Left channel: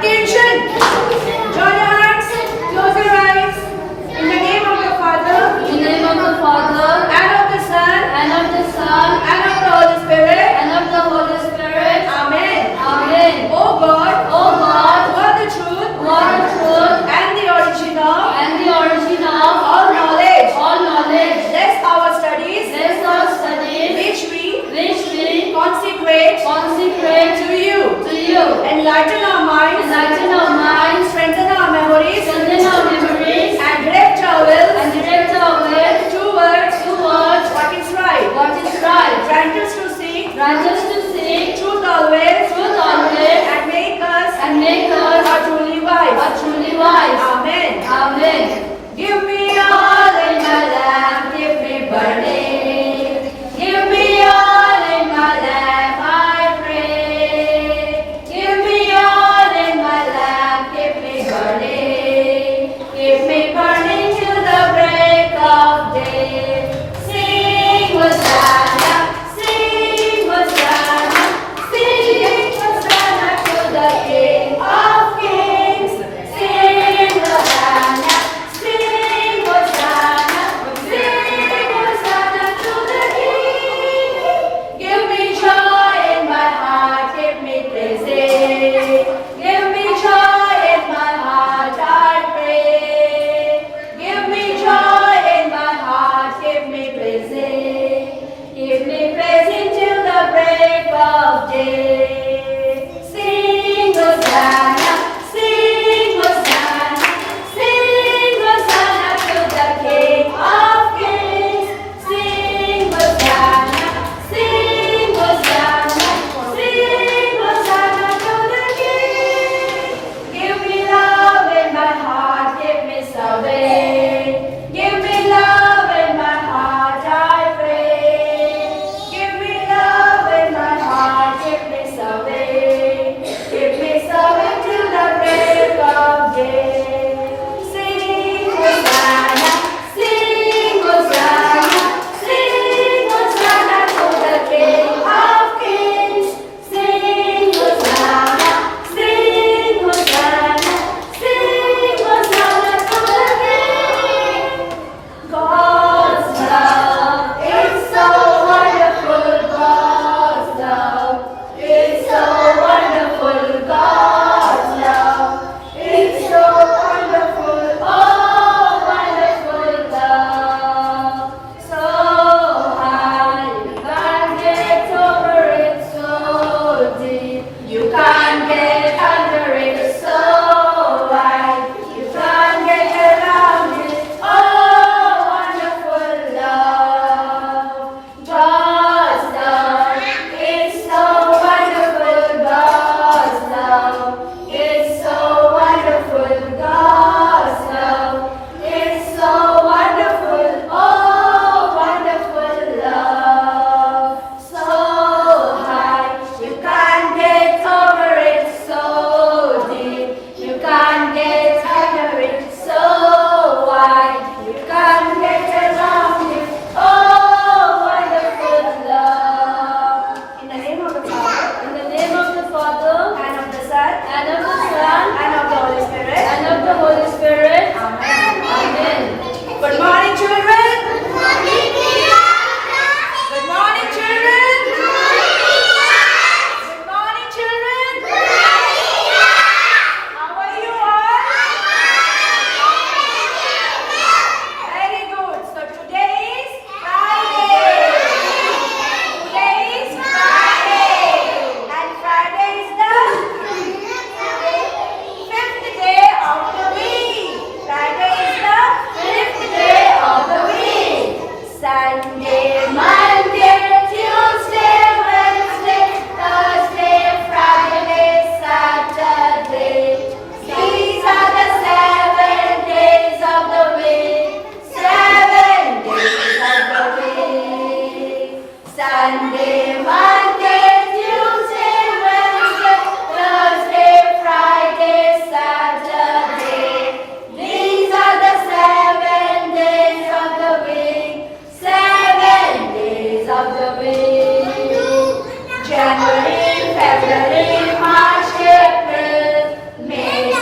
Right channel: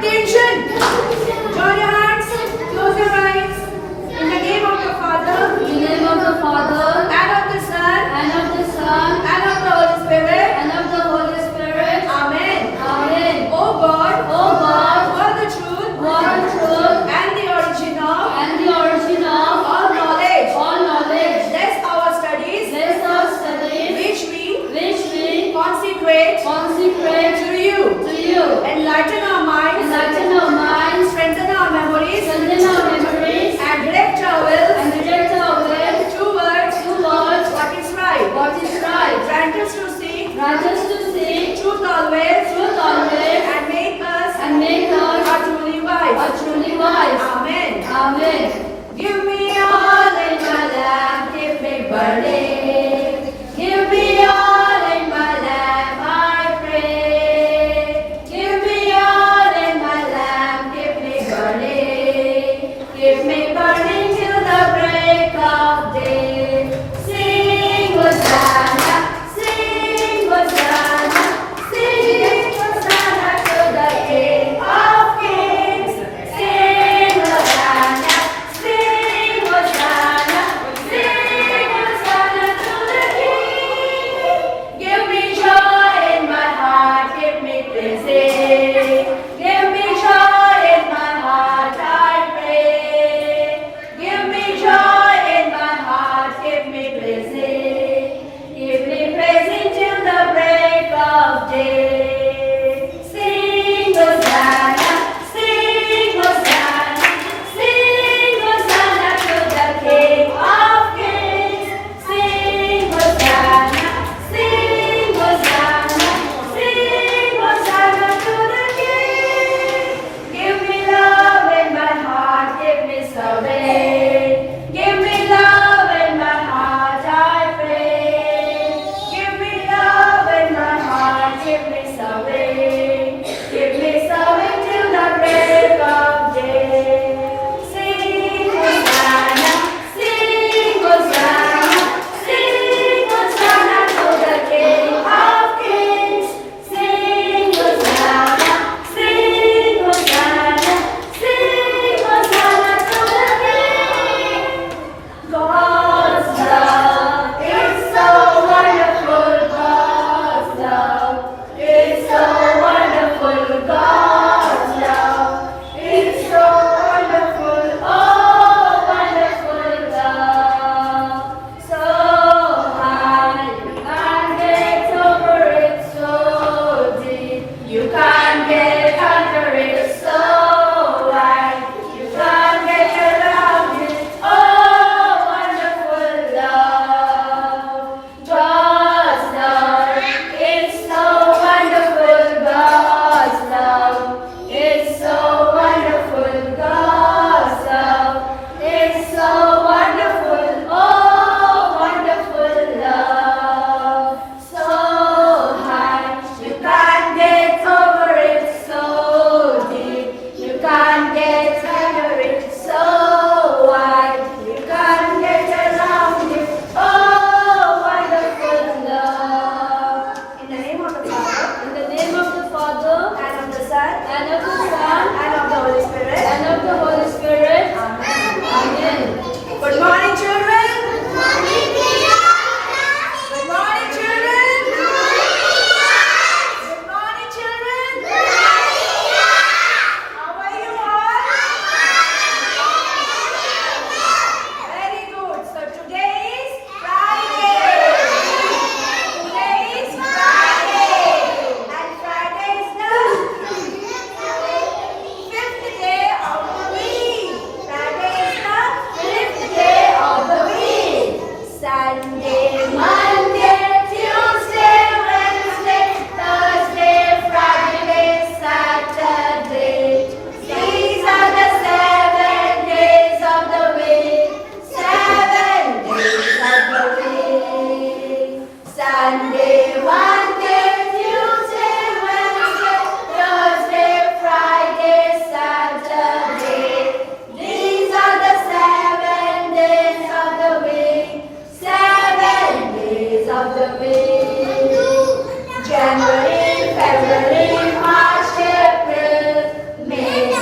Attention! Join your hands, close your eyes. In the name of the Father, In the name of the Father, and of the Son, and of the Son, and of the Holy Spirit. and of the Holy Spirit. Amen. Amen. O God, O God, who are the truth, who are the truth, and the origin of and the origin of all knowledge, all knowledge, bless our studies, bless our studies, which we consecrate to you. to you, Enlighten our minds, enlighten our minds, strengthen our memories, strengthen our memories, and direct our wills and direct our way towards what is right. grant us to seek Grant us to seek truth always, and make us make us truly wise. truly wise. Amen. Amen. Give me all in my life, give me burning. Give me all in my life, I pray. Give me all in my life, give me burning. Give me burning till the break of day. Sing Hosanna,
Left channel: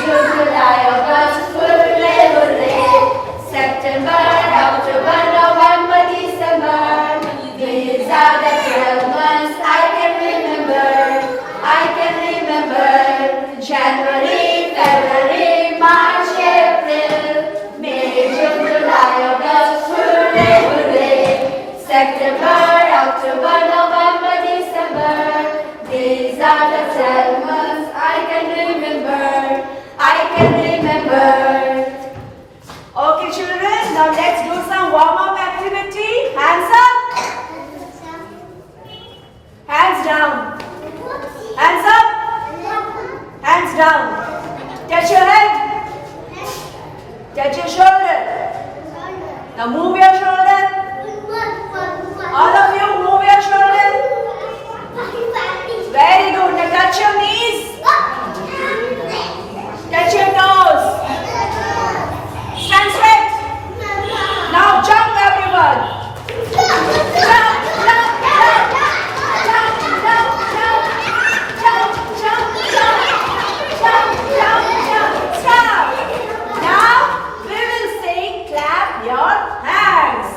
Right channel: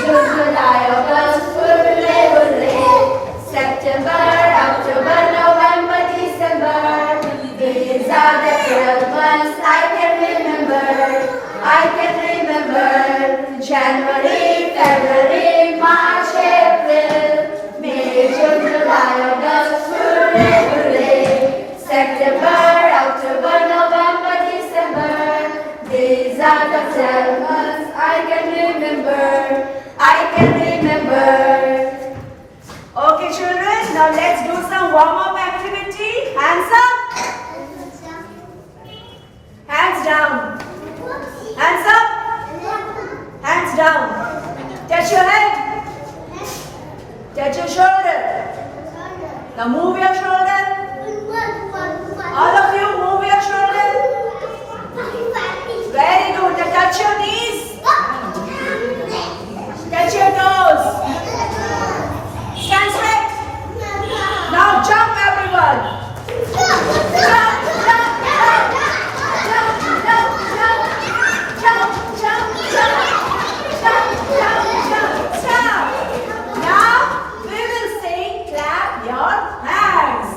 June, July, August, hooray, hooray. September, October, November, December. These are the 12 months I can remember. I can remember. January, February, March, April, May, June, July, August, hooray, hooray. September, October, November, December. These are the 12 months I can remember. I can remember. Okay, children, now let's do some warm-up activity. Hands up. Hands down. Hands up. Hands down. Touch your head. Touch your shoulder. Now move your shoulder. All of you move your shoulder. Very good. Now touch your knees. Touch your toes. Stand straight. Now jump everyone. Jump, jump, jump, jump. Jump, jump, jump. Jump, jump, jump. Jump, jump, jump. Stop. Now we will sing clap your hands.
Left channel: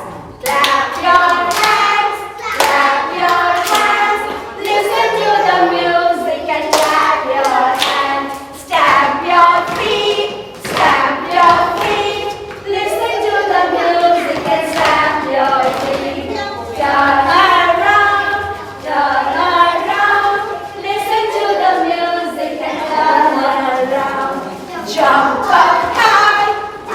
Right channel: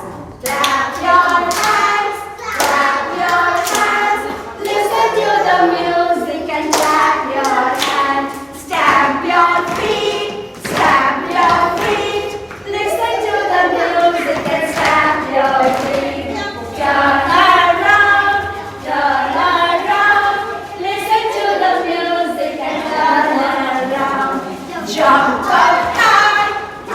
Clap your hands. Clap your hands. Listen to the music and clap your hands. Stamp your feet. Stamp your feet. Listen to the music and stamp your feet. Turn around. Turn around. Listen to the music and turn around. Jump up high.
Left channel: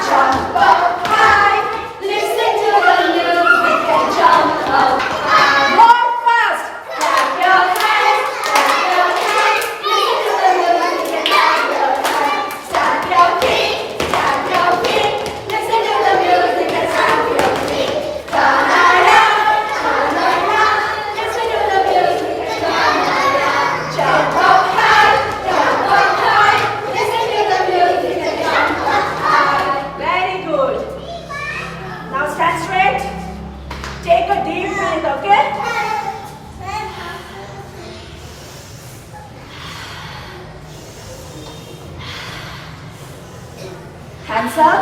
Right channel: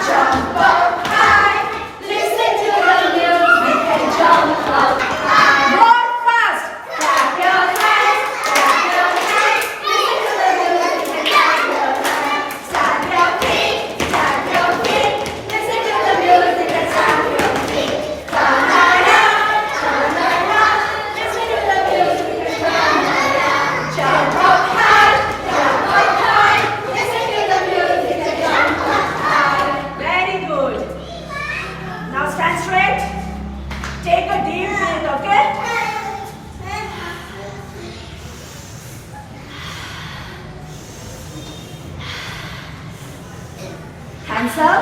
Jump up high. Listen to the music and jump up high. More fast. Clap your hands. Clap your hands. Listen to the music and clap your hands. Stamp your feet. Stamp your feet. Listen to the music and stamp your feet. Turn around. Turn around. Listen to the music and turn around. Jump up high. Jump up high. Listen to the music and jump up high. Very good. Now stand straight. Take a deep breath, okay? Hands up.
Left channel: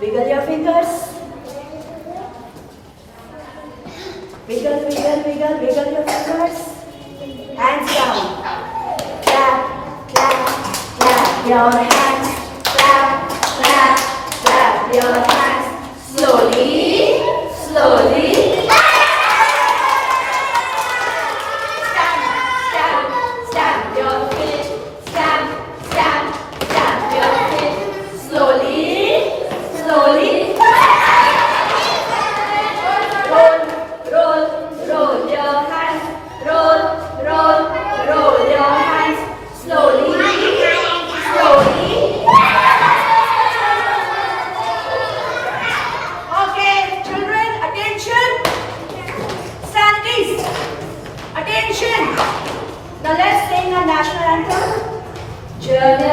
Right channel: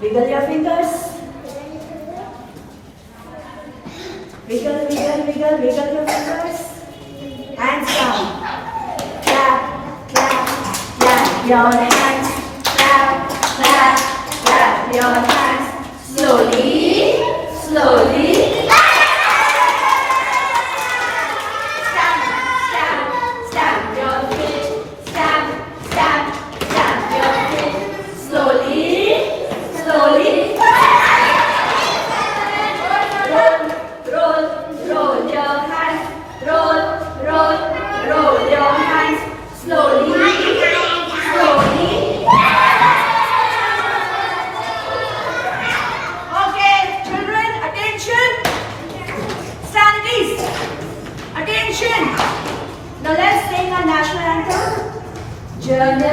Wiggle your fingers. Wiggle, wiggle, wiggle, wiggle your fingers. Hands down. Clap, clap, clap your hands. Clap, clap, clap your hands. Slowly, slowly. Stamp, stamp, stamp your feet. Stamp, stamp, stamp your feet. Slowly, slowly. Roll, roll, roll your hands. Roll, roll, roll your hands. Slowly, slowly. Okay, children, attention. Stand at ease. Attention. Now let's sing our national anthem. Jana